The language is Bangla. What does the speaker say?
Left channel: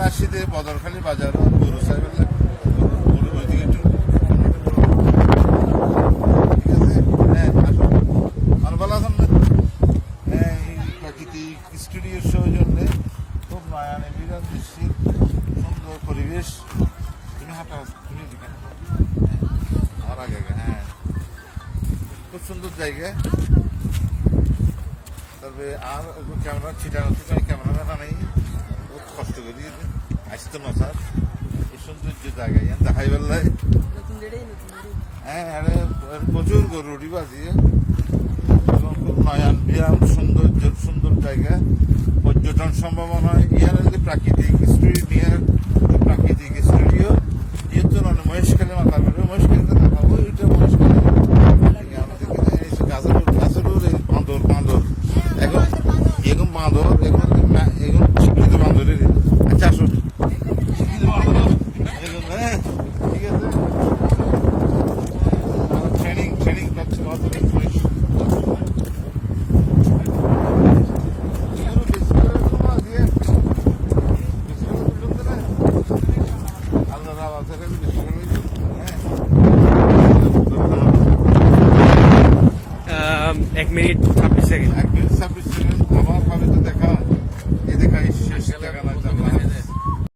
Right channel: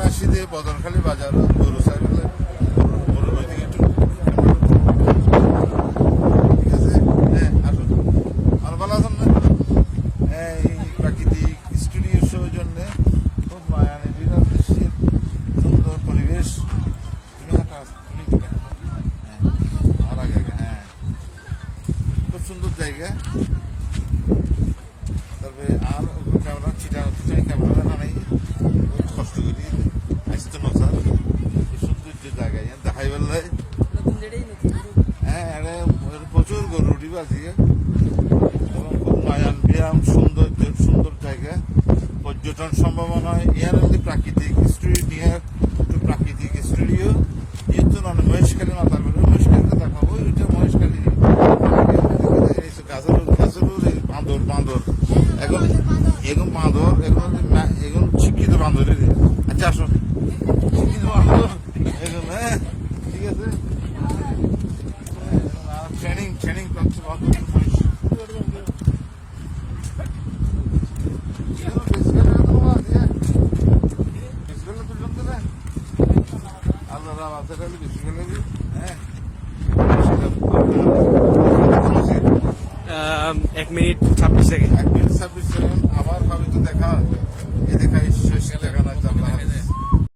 মসজিদে বদরখালী বাজার গরু সাহেবের ঠিক আছে? হ্যাঁ আসুন। আর ভালো আছেন না? হ্যাঁ এই প্রাকৃতিক স্টুডিওর সৌজন্যে খুব মায়ানি বিরাট সুন্দর পরিবেশ। তুমি আর আগে আগে, হ্যাঁ। খুব সুন্দর জায়গা। তবে আর ক্যামেরা ছিটানো ছিটাই ক্যামেরা নেই। জায়গায় দেখাই বেলায় হ্যাঁ আরে প্রচুর গরু উঠিব আজকে এবং খুব নয়ান ব্যায়াম সৌন্দর্য সুন্দর জায়গা। পর্যটন সম্ভাবনা ইয়ার যদি প্রাকৃতিক স্টুডিও নিয়ে প্রাকৃতিক স্টুডিও। কিন্তু মানে মহেশখালী মাথা বেরো মহেশখালী তো দেখাবো এটা মহেশখালী। গাছের গাছের এই বাঁদর বাঁদর এখন এখন বাঁদর এখন এখন শিক্ষিত বাঁদরের আচ্ছা আসো শিক্ষিত বাঁদর এখন হ্যাঁ ঠিক আছে ট্রেনিং ট্রেনিং প্রাপ্ত বাঁদরের বয়স এগুলো বেসমেন্টের কোনো আছে? বেসমেন্টের লোক তো না? আল্লাহ রাম আছে খালি বেসমেন্টের, হ্যাঁ। আহ, এক মিনিট ছাব্বিশ সেকেন্ড। এক মিনিট ছাব্বিশ সেকেন্ড আমার ভাবে তো দেখা